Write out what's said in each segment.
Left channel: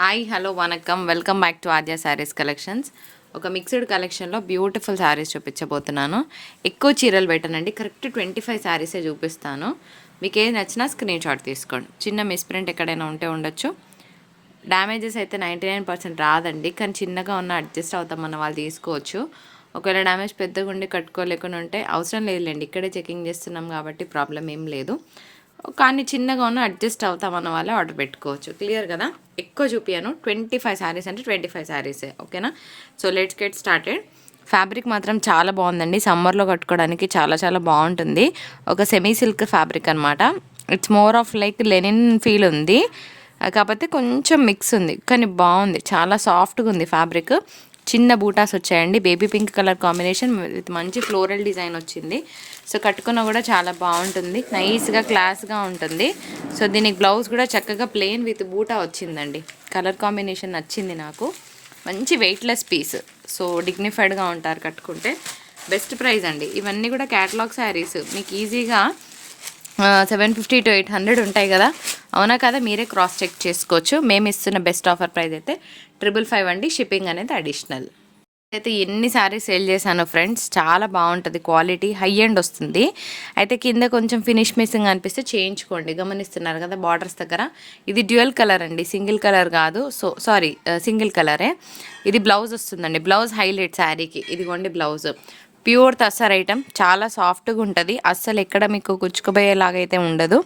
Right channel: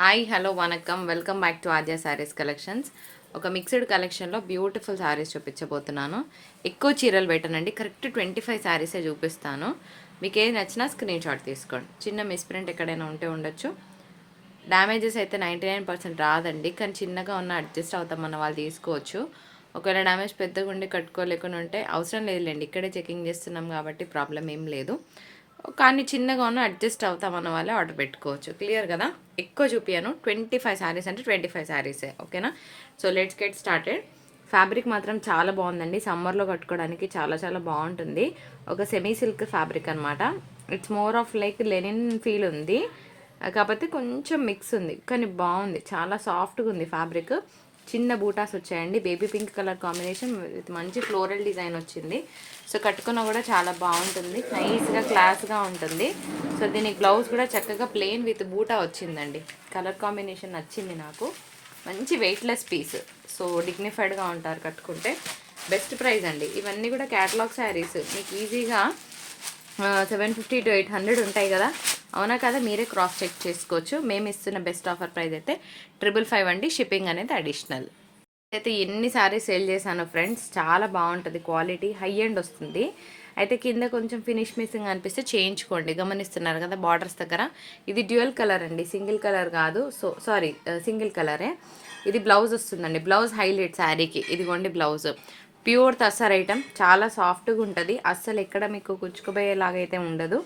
Hi hello వనకం welcome back to Aadya saris collections ఒక mixed కలెక్షన్లో beautiful saris చూపించబోతున్నాను. ఎక్కువ చీరలు పెట్టనండి. కరెక్ట్ ట్వంటీ ఫైవ్ శారీసే చూపిస్తాను. మీకు ఏది నచ్చినా స్క్రీన్ షాట్ తీసుకోండి. చిన్న మిస్ప్రింట్ ఎక్కడైనా ఉంటే ఉండొచ్చు. డ్యామేజెస్ అయితే నైంటీ నైన్ పర్సెంట్ రాదండి. కానీ చిన్నగా ఉన్న అడ్జస్ట్ అవుతామన్న వాళ్ళు తీసుకోవచ్చు. ఒకవేళ డ్యామేజ్ పెద్దగా ఉండి కట్టుకోలేకుండా ఉంటే అవసరం లేదులేండి. ఇక్కడే చెకింగ్ చేస్తున్నాం కాబట్టి ప్రాబ్లం ఏం లేదు. కానీ చిన్నగా ఉన్న అడ్జస్ట్ అవుతాం అన్న వాళ్ళే ఆర్డర్ పెట్టుకోవచ్చు. క్లియర్ కదా? ఎక్కువ చూపించాను ట్వంటీ ఫైవ్ శారీస్ అంటే ట్వంటీ ఫైవ్ శారీసే ఓకేనా so let's get started fabric మాత్రం చాలా బాగుందండి. సమ్మర్లో కట్టుకోవడానికి చాలా చాలా బాగుంటుంది. ఒక సెమీ సిల్క్ ఫ్యాబ్రిక్ అనమాట it's more of like linen feel ఉంది. కాకపోతే కొంచెం మిక్స్ ఉంది. కానీ బాగుంది. చాలా సాఫ్ట్గా ఉంది ఫ్యాబ్రిక్ చిన్న బూటాస్ వచ్చాయండి. Baby pink colour combination with మంచి ఫ్లోరల్ డిజైన్ వచ్చింది. సో కట్టుకున్న కూడా చాలా బాగుంటుంది. నైస్గా క్లాస్గా ఉంటుంది. సో దీనికి బ్లౌజ్ కూడా చక్కగా ప్లెయిన్ విత్ బూటా వచ్చిందండి. కలర్ కాంబినేషన్ నచ్చింది నాకు. మంచి వెయిట్లెస్ పీస్. సో డిగ్నిఫైడ్గా ఉంటారు కట్టుకుంటే. బెస్ట్ ప్రైస్ అండి. ఇవన్నీ కూడా క్యాటలాగ్ శారీస్. మీకు ఈజీగా seven fifty to eight hundred ఉంటాయి కదా. అవునా కదా? మీరే క్రాస్ చెక్ చేసుకోవచ్చు. మేము ఇస్తున్న బెస్ట్ ఆఫర్ ప్రైస్ అయితే ట్రిపుల్ ఫైవ్ అండి. షిప్పింగ్ అనేది అడిషనల్. అయితే ఎన్ని సారీస్ సేల్ చేశాను ఫ్రెండ్స్ చాలా బాగుంటుంది క్వాలిటీ హై ఎండ్ వస్తుంది. అయితే కింద కొంచెం ఫినిష్ మిస్సింగ్ అనిపిస్తే చేయించుకోండి. గమనిస్తున్నారు కదా బార్డర్స్ దగ్గర. ఇది డ్యూయల్ కలర్ అండి సింగిల్ కలర్ కాదు. సో సారీ సింగిల్ కలరే. ఇది బ్లౌజ్ వస్తుందండి బ్లౌజ్ హైలైట్ శారీకి. ఇదిగోండి బ్లౌజ్. ప్యూర్ తసర్ ఐటమ్ చాలా సాఫ్ట్గా ఉంటుంది. అస్సలు ఎక్కడ మీకు కుచ్చుకుపోయేలాగైతే ఉండదు.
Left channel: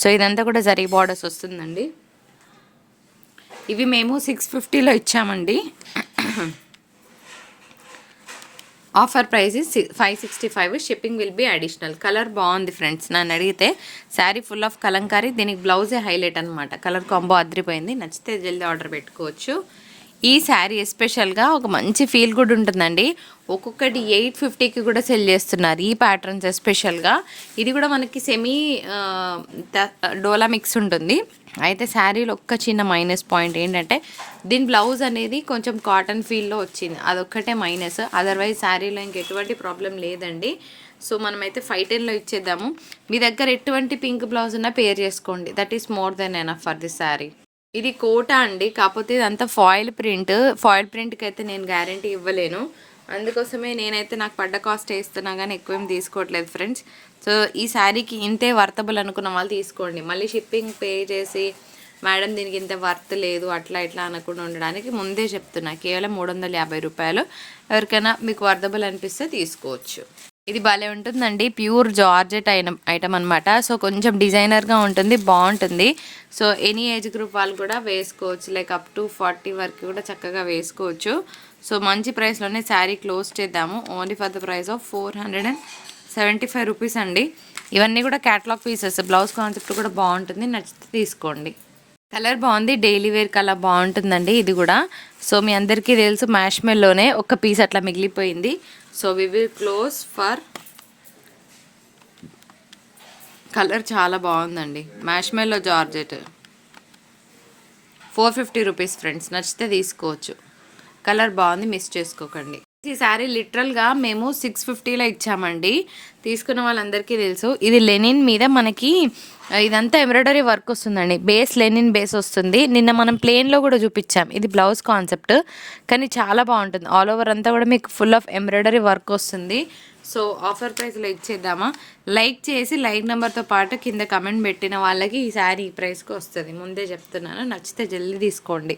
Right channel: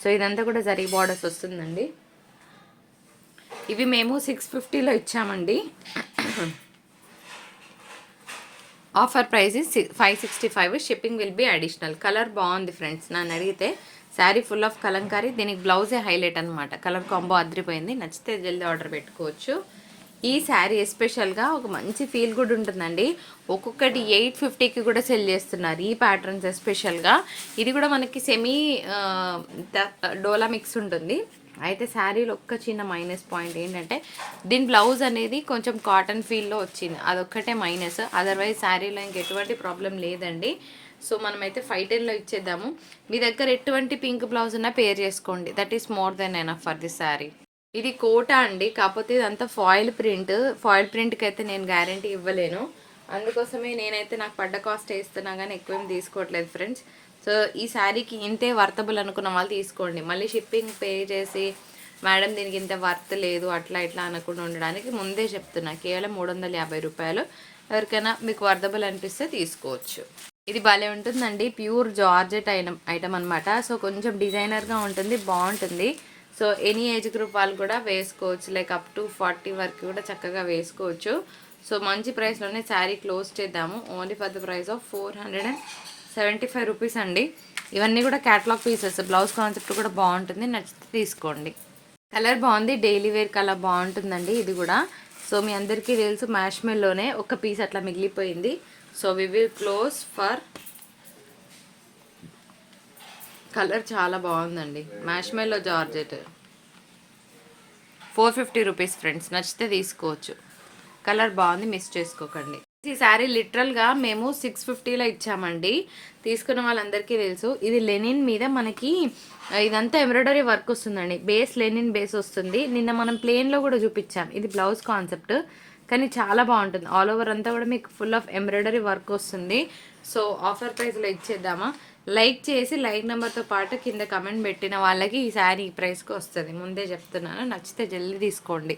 సో ఇదంతా కూడా జరీ బార్డర్స్ వస్తుందండి. ఇవి మేము సిక్స్ ఫిఫ్టీలో ఇచ్చామండి. Offer price five sixty five shipping will be additional colour బాగుంది ఫ్రెండ్స్ నన్ను అడిగితే శారీ ఫుల్ ఆఫ్ కలంకారీ దీనికి బ్లౌజే హైలైట్ అనమాట కలర్ కాంబో అదిరిపోయింది. నచ్చితే జల్దీ ఆర్డర్ పెట్టుకోవచ్చు. ఈ శారీ ఎస్పెషల్గా ఒక మంచి ఫీల్ గుడ్ ఉంటుందండి. ఒక్కొక్కటి ఎయిట్ ఫిఫ్టీకి కూడా సెల్ చేస్తున్నారు. ఈ ప్యాటర్న్స్ ఎస్పెషల్గా ఇది కూడా మనకి సెమీ డోలా మిక్స్ ఉంటుంది. అయితే శారీలో ఒక్క చిన్న మైనస్ పాయింట్ ఏంటంటే దీని బ్లౌజ్ అనేది కొంచెం కాటన్ ఫీల్లో వచ్చింది. అదొక్కటే మైనస్ అదర్వైజ్ శారీలో ఇంకెటువంటి ప్రాబ్లం లేదండి. సో మనమైతే ఫైవ్ టెన్లో ఇచ్చేద్దాము. మీ దగ్గర ఎటువంటి పింక్ బ్లౌజ్ ఉన్నా పేర్ చేసుకోండి. That is more than enough for the sari ఇది కోట అండి. కాకపోతే ఇదంతా ఫాయిల్ ప్రింట్ ఫాయిల్ ప్రింట్కి అయితే నేను గ్యారంటీ ఇవ్వలేను. అందుకోసమే నేనైతే నాకు పడ్డ కాస్ట్ వేస్తున్నా కానీ ఎక్కువ ఏం తీసుకోవట్లేదు ఫ్రెండ్స్ సో ఈ శారీకి ఇంతే వర్తబుల్ అనుకున్న వాళ్ళు తీసుకోండి. మళ్ళీ షిప్పింగ్ పే చేసి మేడం దీనికి ఇంత వర్త్ లేదు అట్లా ఇట్లా అనకుండా ఉండడానికి ముందే చెప్తున్నా. కేవలం మూడు వందల యాభై రూపాయలు. ఎవరికైనా మీకు వర్తబుల్ అనిపిస్తే తీసుకోవచ్చు. ఇది భలే ఉంటుందండి. ప్యూర్ జార్జెట్ ఐటమ్ ఐటమ్ అనమాట సో కొంచెం డిజైనర్గా ఉంటుంది బాగుంటుంది. సో ఎనీ ఏజ్ గ్రూప్ వాళ్ళు కూడా వేసుకోవచ్చు. లైక్ అప్ టు ఫార్టీ వరకు కూడా చక్కగా వేసుకోవచ్చు. సో మంచి ప్రైస్లోనే శారీ క్లోజ్ చేద్దాము. Only for the price of four hundred and seventy five rupees అండి. ఇవన్నీ కూడా క్యాటలాగ్ పీసెస్ బ్లౌజ్ కాన్సెప్ట్ కూడా బాగుంటుంది. నచ్చితే తీసుకోండి. కలర్ బాగుంది. డైలీ వేర్ కలర్ బాగుంటుందండి ఇది కూడా. సో మీ అందరికీ తెలుసు మ్యాష్ మెల్లోనే ఒక పీస్ అట్లా మిగిలిపోయింది. So we will close for colour చాలా బాగుందండి. Marshmallow georgette. Four fifty rupees friends నచ్చితే తీసుకోవచ్చు. కలర్ బాగుంది మిస్ చేసుకోకండి. ఈ శారీ లిటరల్గా మేము సిక్స్ ఫిఫ్టీలో ఇచ్చామండి. తీసుకున్న వాళ్ళందరికీ తెలుసు. ఇది లెనిన్ మీద మనకి ఇదంతా ఎంబ్రాయిడరీ వర్క్ వస్తుందండి. బేస్ లెనిన్ బేస్ వస్తుంది. నిన్న మనం ప్లేన్లో కూడా చూపించాం. ఇది బ్లౌజ్ కాన్సెప్ట్. కానీ చాలా బాగుంటుంది. ఆల్ ఓవర్ అంతా కూడా మీకు ఫుల్ ఆఫ్ ఎంబ్రాయిడరీ వర్క్ వస్తుంది. సో ఆఫర్ ప్రైస్లో ఇచ్చేద్దామా? లైక్ చేసి లైక్ నెంబర్తో పాటు కింద కమెంట్ పెట్టిన వాళ్ళకి ఈ శారీ ఈ ప్రైస్కి వస్తుంది. ముందే చెప్తున్నాను. నచ్చితే జల్దీ తీసుకోండి.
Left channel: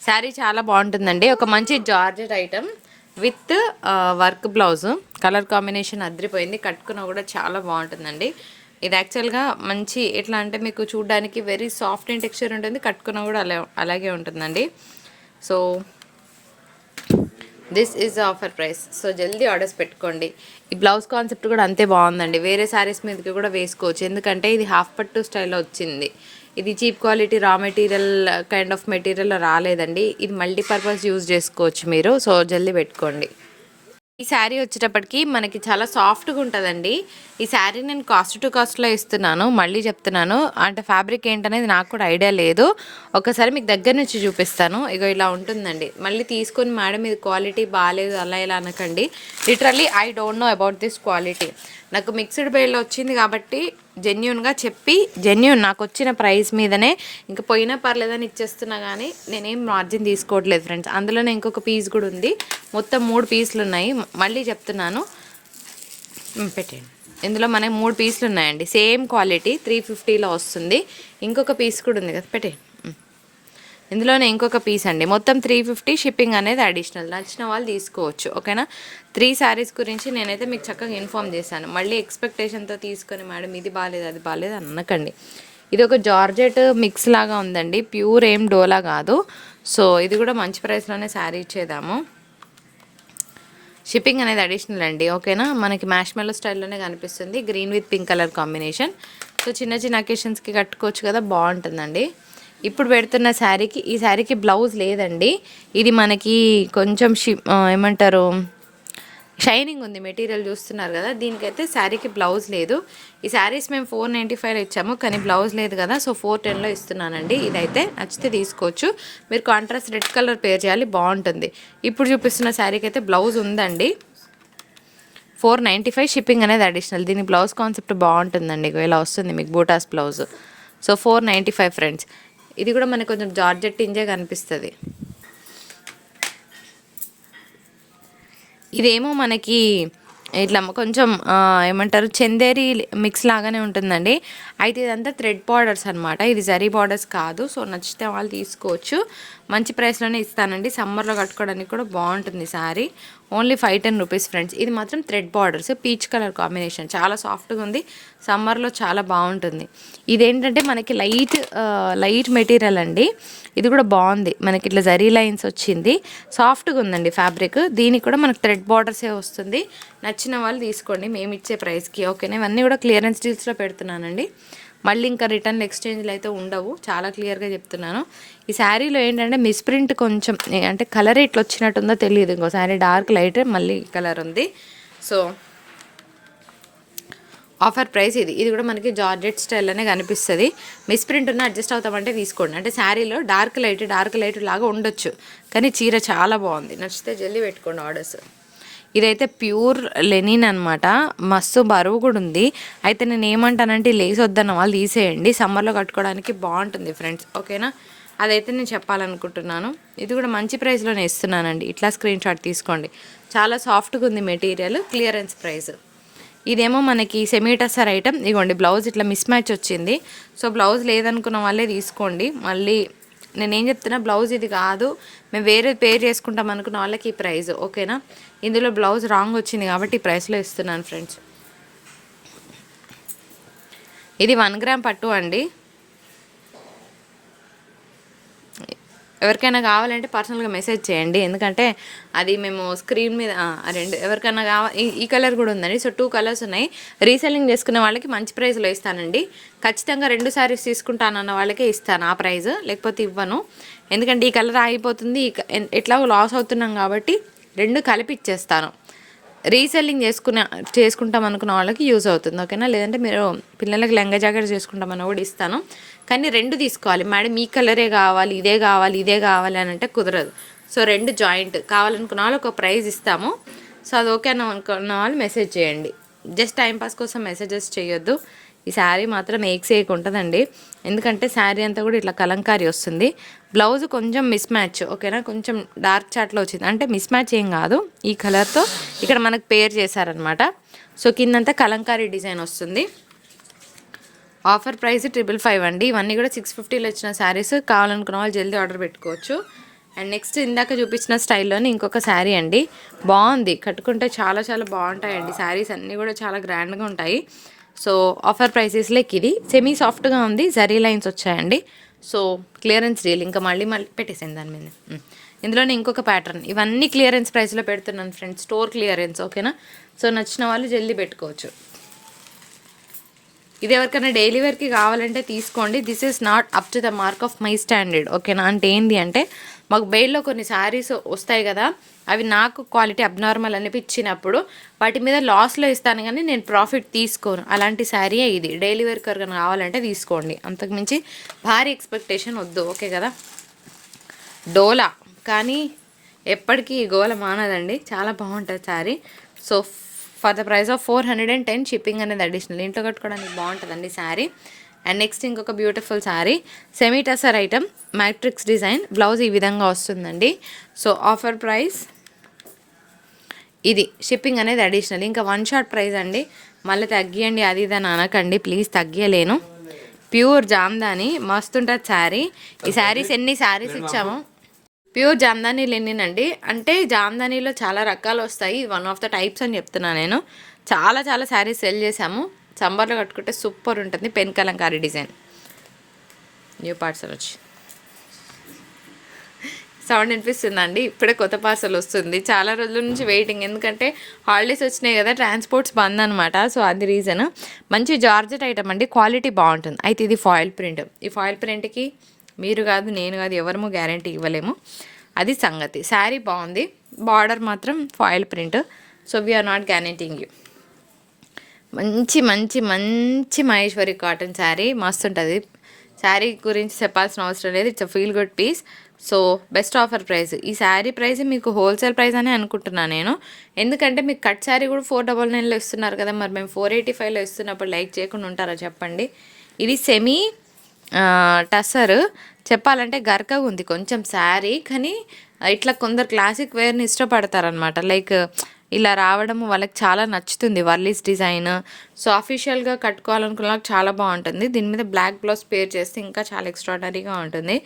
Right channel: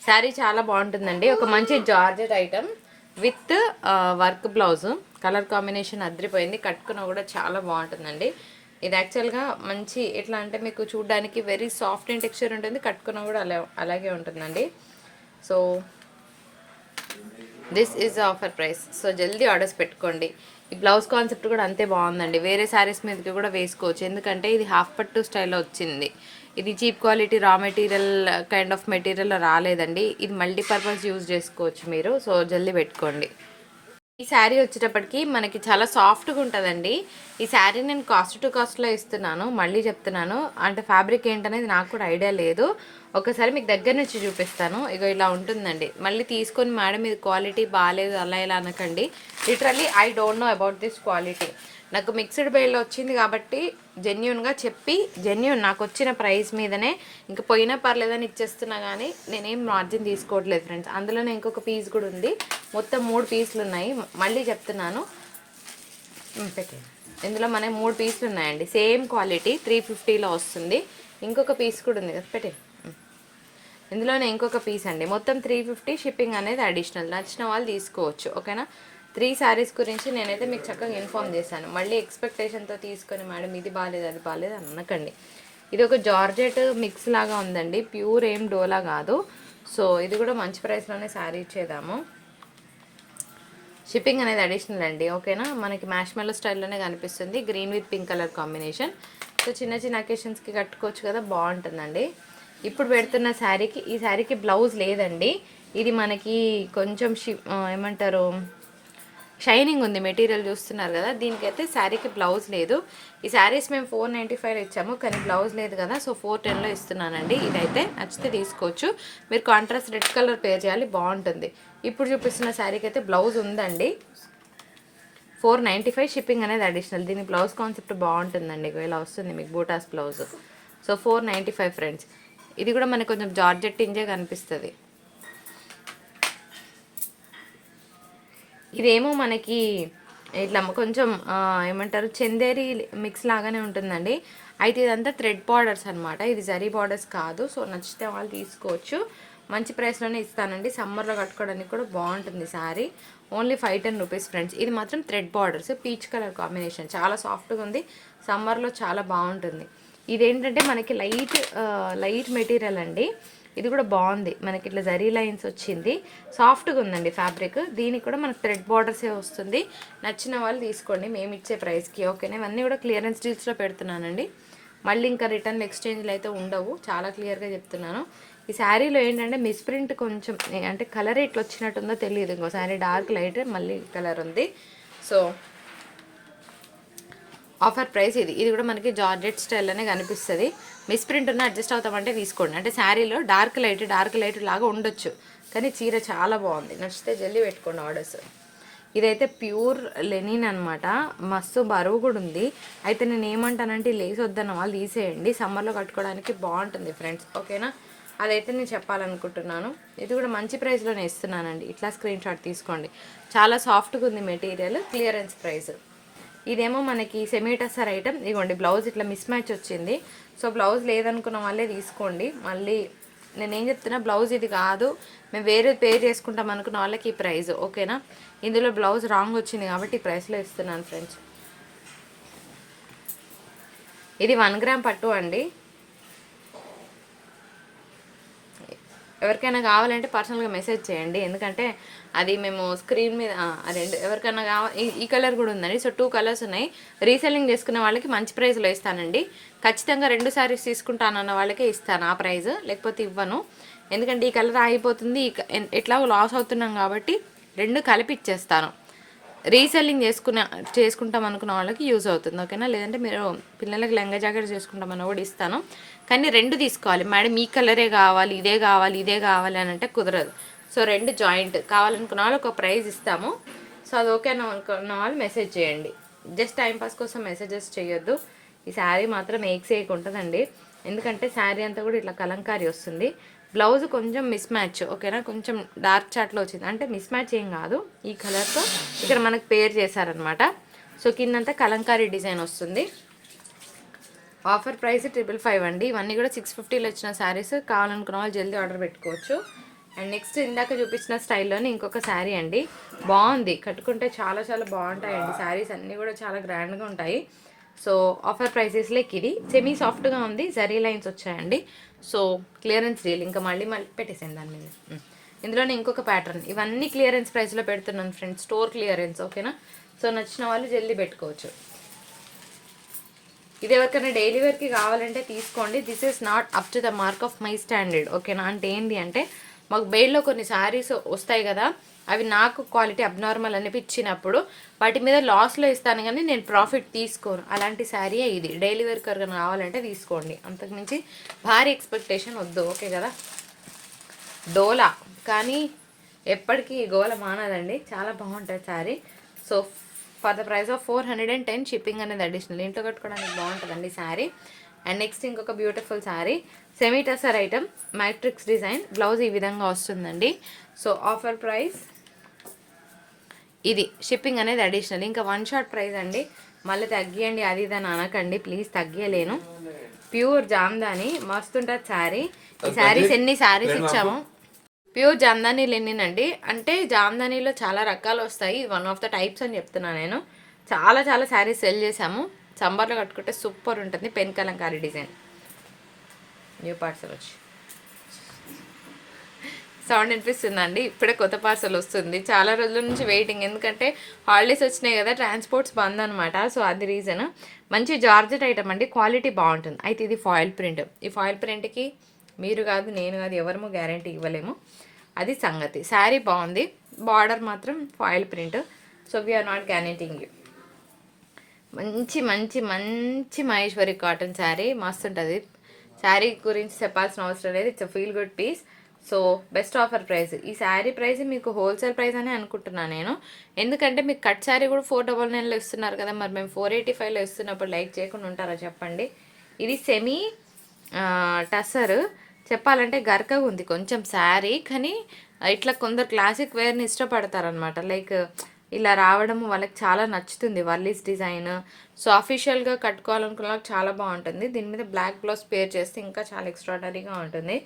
శారీ చాలా బాగుంటుందండి. ఒక మంచి georgette item. With work blouse. Colour combination అదిరిపోయింది. కట్టుకున్న కూడా చాలా బాగుంటుందండి. ఇది యాక్చువల్గా మంచి ఎట్లా అంటే మీకు చూడడానికి వెరీ సాఫ్ట్ అండ్ టెక్స్చర్ ఉంటుంది. కట్టుకున్న కూడా అలా అలాగే ఉంటుందండి. So this is offer price so జల్దీ ఆర్డర్స్ పెట్టుకోండి. ఈ బ్లౌజ్ కాన్సెప్ట్ కూడా అంతే బాగుందండి. వేరే శారీస్ మీదకి కూడా వేసుకోవచ్చు. ఎందుకంటే ఇది హాఫ్ పట్టు స్టైల్లో వచ్చింది. ఇది cheap quality raw material kind of material రాలేదండి. ఇది మల్టీపర్పస్ యూజ్ చేసుకోవచ్చు మీరు. సో జల్దీ పెట్టుకోండి. ఈ శారీ వచ్చేటప్పటికి మనకి చాలా సాఫ్ట్గా ఉంటుందండి. ఈ శారీ నేను కాస్ట్ టు కాస్ట్లో ఇస్తున్నాను. మళ్ళీ చెప్తున్నాను. అంటే ఫ్యాబ్రిక్ ఏంటనేది నాకు కూడా ఐడియా లేదు. ఒకసారి మీకు దగ్గర నుంచి చూపిస్తాను. ఇక ఇలా ఉంటుందండి. మళ్ళీ తీసుకొని మేడం ఇది క్వాలిటీ బాగాలేదు అలా ఇలా అనకండి. Literally I don't know about this quality నాకు మిక్స్డ్ బేల్లో వచ్చింది కాబట్టి జెన్యున్గా చెప్పి జెన్యున్ నాకు వచ్చిన ప్రైస్ మీదనే. ఇంకా పోయినా పర్లేదని ఇచ్చేస్తున్నా కానీ నేనేం మార్జిన్ తీసుకోవట్లేదు ఫ్రెండ్స్ అందులోనే ఇంకొక పీస్ కూడా ఉంది. మొత్తం మూడు పీసులు ఉన్నాయి. మళ్ళీ చెప్తున్నాను. ఉమ్, పెట్టేయండి ఇందులో మనకి మూడు పీసులు ఉన్నాయండి. సేమ్ క్వాలిటీ త్రీ ఫిఫ్టీలో వస్తుంది. ఇంకొక పీస్ కూడా ఉంది కదా పెట్టే ఇందులోనే ఇంకొక పీస్ అండి. మొత్తం త్రీ ఫిఫ్టీ షిప్పింగ్ అనేది అడిషనల్ నచ్చిన వాళ్ళు తీసుకోవచ్చు. ఓకేనా? త్రీ శారీస్ గురించి నేనైతే మీకు చక్కగా ఇన్ఫామ్ చేశాను. మళ్ళీ ఎక్స్పెక్టేషన్తో తీసుకొని మేడం ఇది బాగాలేదు అది బాగాలేదు అని అనకండి. ఇది ఒక జార్జెట్ మిక్స్ లాగా ఉందండి. ప్యూర్ ఏం డోలా కాదు. సో ఇది కూడా మంచి ప్రైస్లోనే శారీ ఇచ్చేదాము. షిప్పింగ్ అనేది అడిషనల్ అండి. ఓకేనా? మనకి మ్యాష్మెల్లో స్టైల్లోనే కనిపిస్తుంది. Green with pink colour combination so చిన్న చిన్న అకేషన్స్కి కట్టుకోవచ్చు కదా? బాగుంటుందండి. ఇప్పుడు పెడుతున్న శారీకి ఈ శారీకి బ్లౌజ్ లేదండి. ఇది మనకి కొంచెం షి ఏమంటారు షైనింగ్ ఉంది మెటీరియల్ చూస్తున్నారు కదా దీనికైతే శారీకి బ్లౌజ్ లేదు. ఈ శారీస్ మేము ఫోర్ నైంటీ ఫైవ్ ఇచ్చాము కానీ బ్లౌజ్ లేదు కదా సో ఫోర్ టెన్లో ఇస్తున్నానండి. ఇదైతే నచ్చితే తీసుకోవచ్చు. మీరు కాంట్రాస్ట్ రెడ్ కలర్ పేర్ చేయాలి బాగుంటుంది. ఇప్పుడు చూపిస్తున్న శారీకి అయితే బ్లౌజ్ ఉందండి. ఫోర్ నైంటీ ఫైవ్ షిప్పింగ్ అనేది అడిషనల్ దీని బ్లౌజ్ కాన్సెప్ట్ బాగుంటుందండి ఇలా వస్తుంది మీకు buttas blouse. So four ninety five friends. ఇది కూడా మనకు కొంచెం జార్జెట్ ఇంజే కనిపిస్తుంది. ఇదేమో మనకి ఇట్లా కొంచెం ఏమంటారు చందేరి మిక్స్ లాగానే ఉంటుందండి. అయితే ఇదంతా థ్రెడ్ బార్డర్స్ అనమాట ఇది జరీ బార్డర్స్ కాదు. సో నచ్చితే వాళ్ళు తీసుకోవచ్చు. మంచి ప్రైస్లోనే ఇస్తానండి. సమ్మర్లో కట్టుకోవడానికి కూడా బాగుంటుంది sari only five ten rupees friends ఇది మాత్రం thread borders peach colour combination చాలా సాఫ్ట్గా ఉంది. సమ్మర్లో చాలా బాగుంటుంది. ఇదేంటంటే మనకి లైట్ లైట్ మెటీరియల్ అండి. ఇది కూడా బాగుంది. మనకి ఇట్లా జరీ లైన్స్ వచ్చింది. సాఫ్ట్గా ఉందండి ఫ్యాబ్రిక్. దీనికి కూడా మనకు థ్రెడ్ బార్డర్సే వస్తుంది. నచ్చిన వాళ్ళు తీసుకోండి. మేము ఇచ్చే ప్రైస్కి. ఓకేనా? ఇవన్నీ కూడా క్లియరెన్స్ డీల్స్లో పెడుతున్నానండి. మళ్ళీ ఇంకా రిటర్న్ ఎక్స్చేంజ్లు అయితే ఉండవు. చాలా క్లియర్గా చెప్తున్నాను. ఈ శారీలో ఏంటంటే మిస్ప్రింట్ కొంచెం అంటే కలర్ ఇట్లా వచ్చినట్టుందో తెలియదు ఇంకో శారీ డార్క్ లైట్ మళ్ళీ కలర్ ఉంది. సో ఆఫర్ ప్రైస్ ఇది. ఇది కూడా మనకి జార్జెట్ స్టైల్లోనే కనిపిస్తుంది. మిస్ ప్రింట్ ఉన్న అడ్జస్ట్ అవుతామంటే తీసుకోండి. అంటే శారీలో డార్క్ లైట్ డార్క్ లైట్ లాగా ఉండొచ్చు. కానీ చీర చాలా బాగుంది. నచ్చితే జల్దీ పెట్టుకోండి ఆర్డర్స్. ఇదైతే ప్యూర్ లెనిన్ అనమాట మస్తు బరువు కూడా ఉంది. అయితే నేను ఏమంటానంటే లేస్ వద్దన్న వాళ్ళు తీసేయండి. సమ్మర్లో కట్టుకోవడానికి బాగుంటుంది ఫ్రెండ్స్. ఓకేనా? అదైతే నేను చెప్పాలనుకుంటున్నాను. ఇది కూడా మంచి ప్రైస్లోనే ఇస్తున్నానండి. ఇట్లా స్క్రీన్ షాట్ తీసుకోండి. చాలా సాఫ్ట్గా ఉంది మెటీరియల్. Clearance price. ఇదేమో మనకి సెమీటసర్ ఐటమ్ ఇగోండి బ్లౌజ్ ఇట్లా మిస్ మ్యాచ్ వచ్చింది. సో బ్లౌజ్ లేదనుకున్న వాళ్ళే తీసుకోండి. మళ్ళీ నేను ఏం చెప్తున్నా బ్లౌజ్ ఇది కాదు. మేము వేరే పేర్ చేసుకుంటాం అనుకున్న వాళ్ళకి ఈ ప్రైస్ ఓకేనా? ఇందులో బ్లౌజ్ రాంగ్ వచ్చింది కాబట్టి ఈ ప్రైస్లో ఇస్తున్నాను ఫ్రెండ్స్ ఇది వన్ గ్రామ్ పట్టు అండి. ఎవరికైనా కావాలంటే పర్సనల్గా మెసేజ్ చేయండి. ఎందుకంటే అది మేము స్క్రీన్ మీద రెండు ఎవరికైనా కావాలి ఈ కలర్ కూడా ఉందండి. సో టూ కలర్స్ ఉన్నాయి. రీసెల్లింగ్ చేసుకునే వాళ్ళకి మంచి ప్రైస్లో ఇస్తానండి. ఖచ్చితంగా రెండు శారీస్ తీసుకుంటానన్న వాళ్ళకే ఇస్తాను ఆ ప్రైస్ లేకపోతే ఇవ్వను. ఎందుకంటే ఈ కలర్ ఆగిపోతుంది ఈ ఎట్లాగో లాస్ అవుతున్నాం కాబట్టి రెండు కలిపి ఇచ్చేస్తాను. రీసెల్లింగ్ చేసుకునే చేసుకుంటాం అనుకున్న వాళ్ళకి యూజ్ అవుతుంది ఓకేనా లేదంటే మీరు పిల్లలకి లెంగ జాకెట్ చేసుకుంటామని కూడా ఇస్తాను. కానీ రెండు తీసుకోవాలి. మేడం ఈ కలరే కావాలి ఇదే కావాలి ఇదే కావాలి అని అంటే కుదరదు. సో రెండు జాయింట్ కావాలనుకున్న వాళ్ళు ఒక ప్రైజ్ ఇస్తాము. సో అది ఓకే అని అనుకున్న వాళ్ళు మెసేజ్ చేయండి. జస్ట్ టైంపాస్ కోసం మెసేజెస్ చేయొద్దు. ఈ శారీ మాత్రం ఏక్ సేక్ ఉంటుందండి ఎందుకంటే శారీ అంతా కూడా ఇట్లా కలంకారీ వస్తుంది. బ్లౌజ్ కొంచెం మిస్ మ్యాచ్ ఓకేనా? కొంచెం డార్క్ చాట్లో వచ్చింది. అంటే మిస్ మ్యాచ్ ఏం కాదు. ఈ కలర్తో ఇక్కడ మనకు పేర్ చేశారనమాట సో కిందంతా కలంకారీ డిజైన్ వస్తుంది. ఆఫర్ ప్రైస్ ట్రిపుల్ ఫైవ్ అండి. ఇవన్నీ కూడా సిక్స్ ఫిఫ్టీలో వచ్చిన శారీస్ కావాలనుకున్న వాళ్ళు జల్దీ ఆర్డర్ పెట్టుకోవచ్చు. అండ్ నెక్స్ట్ ఇందాక చూపించిన స్టైల్లోనే ఇంకొక శారీ అండి. బాగుంది. కట్టుకుంటే చాలా చాలా బాగుంటాయండి. శారీస్ అన్నీ కూడా చాలా గ్రాండ్గా ఉంటాయి. సో ఆఫర్ ప్రైసెస్లోకి ఇది. సెమీ సాఫ్ట్గా ఉంది. జరీ లైన్స్ వచ్చాయండి. సో క్లియరెన్స్ డీల్ ఇంకా మళ్ళీ మళ్ళీ పెట్టేసాను దాని మీద. ఇందులోనే ఇంకొక ప్యాటర్న్ ఇవన్నీ క్లియరెన్స్ ప్రైస్లో పెడుతున్నాను ఫ్రెండ్స్ స్టోర్ క్లియరెన్స్ ఓకేనా సో నచ్చిన వాళ్ళు జల్దీ పెట్టుకోవచ్చు. ఇది ఎవరికైనా డైలీ వేర్కి కావాలంటే తీసుకోండి. This is not up to the mark of my standard ఓకేనా అంటే ఏంటి అంటే మాకు బెయిల్లో కొన్ని శారీస్ వస్తాయి కదా అవి నాకు క్వాలిటీ అబ్నార్మల్ అనిపించినప్పుడు వాటి మీద లాస్లో ఇస్తాను కానీ నేను ప్రాఫిట్ తీసుకోను. అలాంటి శారీయే ఇది. డైలీ వేర్ కనుక కావాలంటే తీసుకోండి. అంతకుమించి భారీ ఎక్స్పెక్టేషన్ వద్దు. ఓకే కదా? డోలా. కానీ ఎప్పటికీ ఈ గోల మానదండి. చాలా బాగుంటుంది sari so for the price of four hundred and ten shipping అనేది అడిషనల్ ఇంట్లో కట్టుకోవడానికి బాగుంటుందండి శారీ అండ్ నెక్స్ట్ ఇంకొక beautiful sari semi tussar item matrix design blouse ఈ విధంగా వస్తుందండి. సో ఆఫర్ ప్రైస్ ఇది షిప్పింగ్ అనేది అడిషనల్ ఇంకా వన్ షాట్ ప్రైస్ అండి. మళ్ళీ తగ్గియండి అది ఇది అని అనకండి. ప్లీజ్ తగ్గియలేను. ప్యూర్ జామ్దాని మస్తు ఉంటుంది శారీ ఈ శారీస్ ఎన్ని శారీస్ ఇచ్చాము? ప్యూర్ జామ్దానీలు ఎన్నినండి అంటే జామ్దానీలో చాలా రకాలు వస్తాయి. వన్ ఆఫ్ ద టైప్స్ అని చెప్తున్నా నేను. చాలా చాలా శారీస్ సెల్ చేసాము సంబర్లో కట్టుకుంటే సూపర్ ఉంటుంది. Pen Kalamkari design new parcel వచ్చి. సౌండ్ వినిపిస్తుందండి. ఇప్పుడే కొత్త పార్సల్ వస్తుంది. చాలా రోజుల నుంచి వెయిటింగ్ ఎందుకంటే హాలిడేస్ వచ్చినాయి కదా ట్రాన్స్పోర్ట్స్ బంద్ అనమాట సో అది రీజన్ మంచి జార్జెట్ ఐటమ్ అండి. క్వాలిటీ బాగుంటుంది. అయితే ఇది ఫాయిల్ ప్రింట్ ఈ ఫాయిల్ ప్రింట్కి మీరు కాదు నేను కాదు ఎవరము గ్యారంటీ ఇవ్వలేము. అది సంగతి. శారీ బాగుంది. బార్డర్ మాత్రం foil print so we are not guaranteeing you మంచి మంచి మంచి మహేశ్వరి కాటన్ శారీ మస్తు ఉంటుంది. శారీ గురించి చెప్పాల్సిన అవసరం లేదు. It's a feel good piece so best offer price ఈ శారీ ప్రైస్ మీకు హోల్సేల్ ప్రైస్ అని అనుకుంటున్నాను నేను. ఎందుకంటే మీకు కట్ శారీ కూడా ఫోర్ డబల్ నైన్లో ఇస్తున్నారు కదా మరి మేము ఫోర్ ఎయిటీ ఫైవ్లో ఇస్తున్నప్పుడు లైక్ చేయకుండా ఉంటారా చెప్పండి. ఇది సెమీ టసర్ చెప్పాలంటే గర్కగా ఉంది కొంచెం శారీ కానీ ఇట్లా కొందరు క్లాసిక్ వేర్ని ఇష్టపడతారనమాట లైక్ ఇలా రావడం వాళ్ళకి చాలా నచ్చుతుంది వర్లీస్ డిజైన్. సో అఫీషియల్గా కట్టుకోవాలనుకున్న వాళ్ళకి చాలా బాగుంటుంది. దీని మీద బ్లాక్ బ్లౌజ్ పేర్ చేస్తే ఇంకా చాలా ఎక్స్ట్రాడనరీగా ఉంటుంది.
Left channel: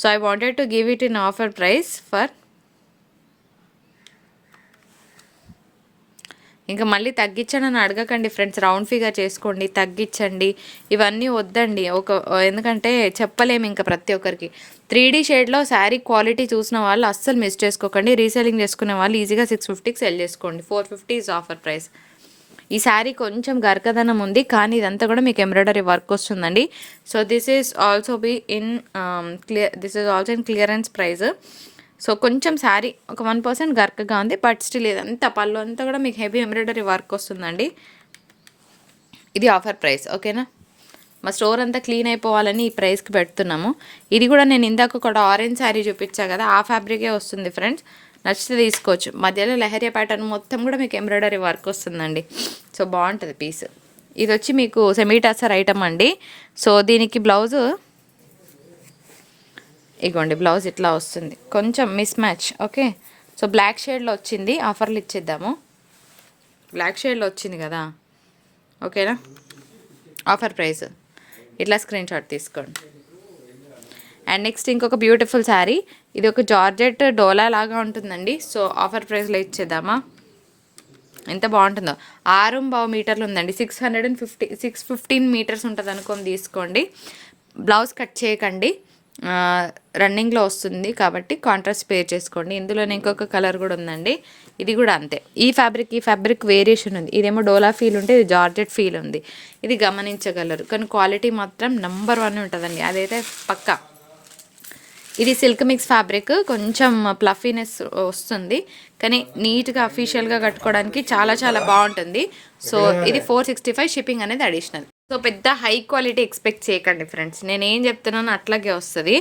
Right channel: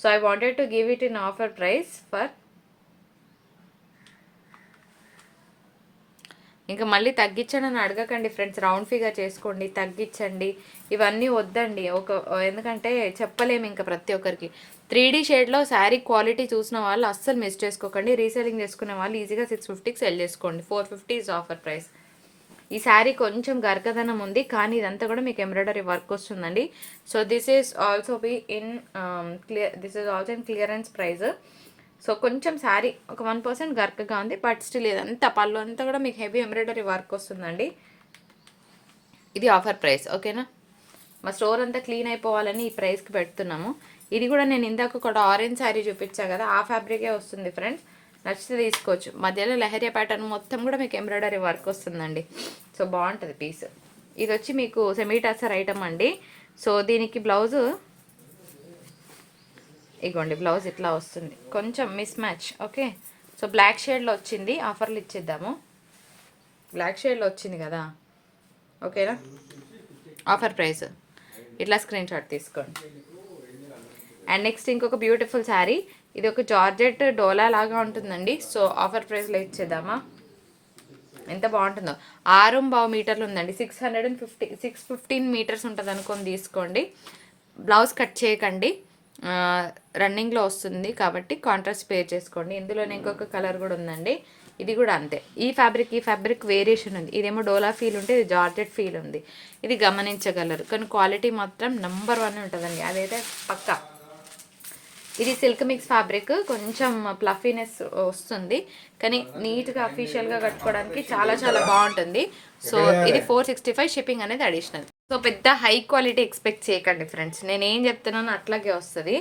So I wanted to give it in offer price for ఇంకా మళ్ళీ తగ్గించండి అడగకండి ఫ్రెండ్స్. రౌండ్ ఫిగర్ చేసుకోండి తగ్గించండి. ఇవన్నీ వద్దండి. ఒక ఎందుకంటే చెప్పలేము ఇంకా ప్రతి ఒక్కరికి. త్రీ డీ షేడ్లో శారీ క్వాలిటీ చూసిన వాళ్ళు అస్సలు మిస్ చేసుకోకండి. రీసెలింగ్ చేసుకునే వాళ్ళు ఈజీగా సిక్స్ ఫిఫ్టీకి సెల్ చేసుకోండి. Four fifty is offer price. ఈ శారీ కొంచెం గర్కదనం ఉంది కానీ ఇదంతా కూడా మీకు ఎంబ్రాయిడరీ వర్క్ వస్తుందండి. So this is also be in clear this is also in clearance price so కొంచెం శారీ ఒక వన్ పర్సెంట్ గర్కగా ఉంది బట్ స్టిల్ ఇదంతా పళ్ళు అంతా కూడా మీకు హెవీ ఎంబ్రాయిడరీ వర్క్ వస్తుందండి. ఇది ఆఫర్ ప్రైస్ ఓకేనా? మా స్టోర్ అంతా క్లీన్ అయిపోవాలని ఈ ప్రైస్కి పెడుతున్నాము. ఇది కూడా నేను ఇందాక కూడా ఆరెంజ్ శారీ చూపించా కదా ఆ ఫ్యాబ్రికే వస్తుంది ఫ్రెండ్స్. నచ్చితే తీసుకోవచ్చు. మధ్యలో లహరియా ప్యాటర్న్ మొత్తం కూడా మీకు ఎంబ్రాయిడరీ వర్క్ వస్తుందండి. సో బాగుంటుంది పీస్. ఇది వచ్చి మీకు సెమీటాసర్ ఐటమ్ అండి. సో దీనికి బ్లౌజు ఇగోండి బ్లౌజ్ ఇట్లా వస్తుంది. కొంచెం miss match okay? So black షేడ్లో వచ్చింది ఆఫర్లు ఇచ్చేద్దాము. బ్లాక్ షేడ్లో వచ్చింది కదా? ఓకేనా? ఆఫర్ ప్రైస్ ఇట్లా స్క్రీన్ షాట్ తీసుకోండి. అండ్ నెక్స్ట్ ఇంకొక బ్యూటిఫుల్ శారీ ఇది ఒక జార్జెట్ డోలా లాగా ఉంటుందండి. సో ఆఫర్ ప్రైస్లో ఇచ్చేద్దామా? ఎంత బాగుంటుందో. ఆరు బావు మీటర్లు ఉందండి. Six hundred and fifty six fifteen metres ఉంటుంది అనుకొని తీసుకోండి. బ్లౌజ్ కట్ చేయకండి. రన్నింగ్లో వస్తుంది కాబట్టి కాంట్రాస్ట్ పే చేసుకోండి. ఇందులోనే ఇంకొక కలర్ కూడా ఉందండి. ఇది కూడా అంతే. ఈ ఫ్యాబ్రిక్ ఈ ఫ్యాబ్రిక్ వేరియేషన్ ఉంది. ఇదేమో డోలా ఫీల్ ఉంటే ఇది జార్జెట్ ఫీల్ ఉంది. ఇది గమనించగలరు. కానీ క్వాలిటీ మాత్రం నెంబర్ వన్ ఉంటుందండి. అదైతే పక్కా. ఇది సిల్క్ మిక్స్ ఫ్యాబ్రిక్. కొంచెం ప్లఫీనెస్ వస్తుంది. కానీ నీట్గా అఫీషియల్గా కట్టుకోవడానికి చాలా చాలా బాగుంటుంది. సో ఇది ఫోర్ సిక్స్టీ ఫైవ్ షిప్పింగ్ అనేది అడిషనల్. సో పెద్ద హై క్వాలిటీ ఎక్స్పెక్ట్ చేయకండి ఫ్రెండ్స్. నేను ఏం చెప్తున్నానో అట్లాగే వస్తుంది.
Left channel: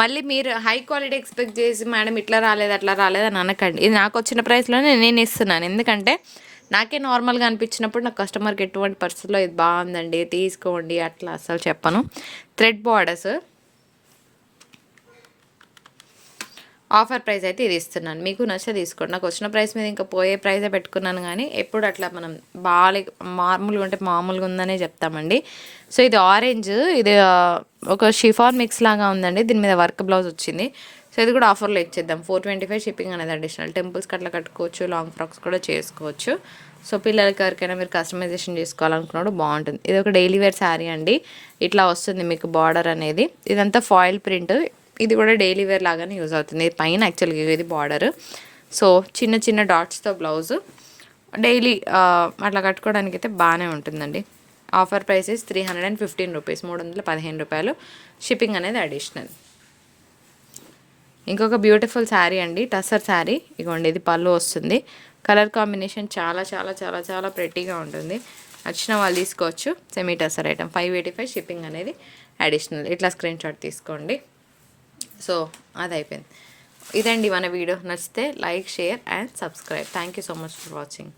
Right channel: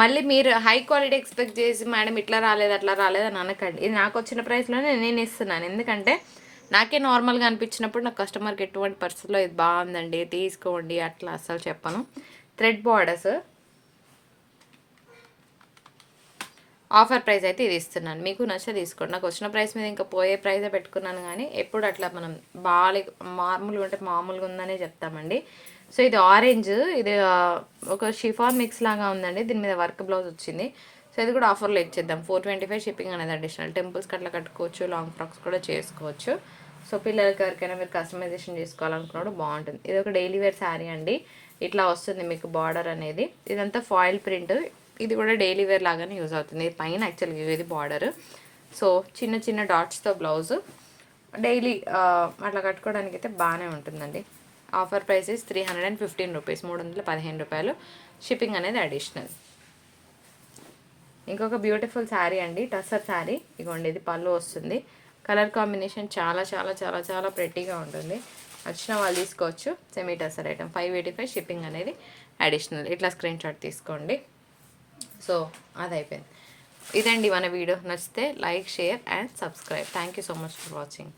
మళ్ళీ మీరు హై క్వాలిటీ ఎక్స్పెక్ట్ చేసి మేడం ఇట్లా రాలేదు అట్లా రాలేదు అని అనకండి. ఇది నాకు వచ్చిన ప్రైస్లోనే నేను ఇస్తున్నాను. ఎందుకంటే నాకే నార్మల్గా అనిపించినప్పుడు నా కస్టమర్కి ఎటువంటి పరిస్థితుల్లో ఇది బాగుందండి తీసుకోండి అట్లా అసలు చెప్పను. థ్రెడ్ బార్డర్స్ ఆఫర్ ప్రైస్ అయితే ఇది ఇస్తున్నాను. మీకు నచ్చ తీసుకోండి. నాకు వచ్చిన ప్రైస్ మీద ఇంకా పోయే ప్రైజే పెట్టుకున్నాను కానీ ఎప్పుడు అట్లా మనం బాగా మామూలుగా ఉంటే మామూలుగా ఉందనే చెప్తామండి. సో ఇది ఆరెంజ్ ఇది ఒక షిఫాన్ మిక్స్ లాగా ఉందండి. దీని మీద వర్క్ బ్లౌజ్ వచ్చింది. సో ఇది కూడా ఆఫర్లో ఇచ్చేద్దాం. ఫోర్ ట్వంటీ ఫైవ్ షిప్పింగ్ అనేది అడిషనల్ టెంపుల్స్కి అట్లా కట్టుకోవచ్చు లాంగ్ ఫ్రాక్స్ కూడా చేసుకోవచ్చు. సో పిల్లలకి ఎవరికైనా మీరు కస్టమైజేషన్ చేసుకోవాలనుకున్నాడు బాగుంటుంది. ఇది ఒక డైలీ వేర్ శారీ అండి. ఇట్లా వస్తుంది మీకు బార్డర్ అనేది. ఇదంతా ఫాయిల్ ప్రింట్ ఇది కూడా డైలీ వేర్ లాగానే యూజ్ అవుతుంది. పైన యాక్చువల్గా ఇది బార్డర్ సో చిన్న చిన్న డాట్స్తో బ్లౌజ్ డైలీ అట్లా కట్టుకోవడానికి అయితే బాగానే ఉంటుందండి offer prices three hundred and fifteen rupees మూడు వందల పదిహేను రూపాయలు. షిప్పింగ్ అనేది అడిషనల్ ఇంకొక బ్యూటిఫుల్ శారీ అండి టసర్ శారీ ఇగోండి ఇది పళ్ళు వస్తుంది. కలర్ కాంబినేషన్ చాలా చాలా చాలా చాలా ప్రెట్టీగా ఉంటుంది. వచ్చిన వాళ్ళు తీసుకోవచ్చు. Semi tussar item five eighty five shipping అనేది అడిషనల్ ఇట్లా స్క్రీన్ షాట్ తీసుకోండి. సో అది అయిపోయింది ఇదండి మన వీడియో. నచ్చితే like share and subscribe. Thank you so much for watching.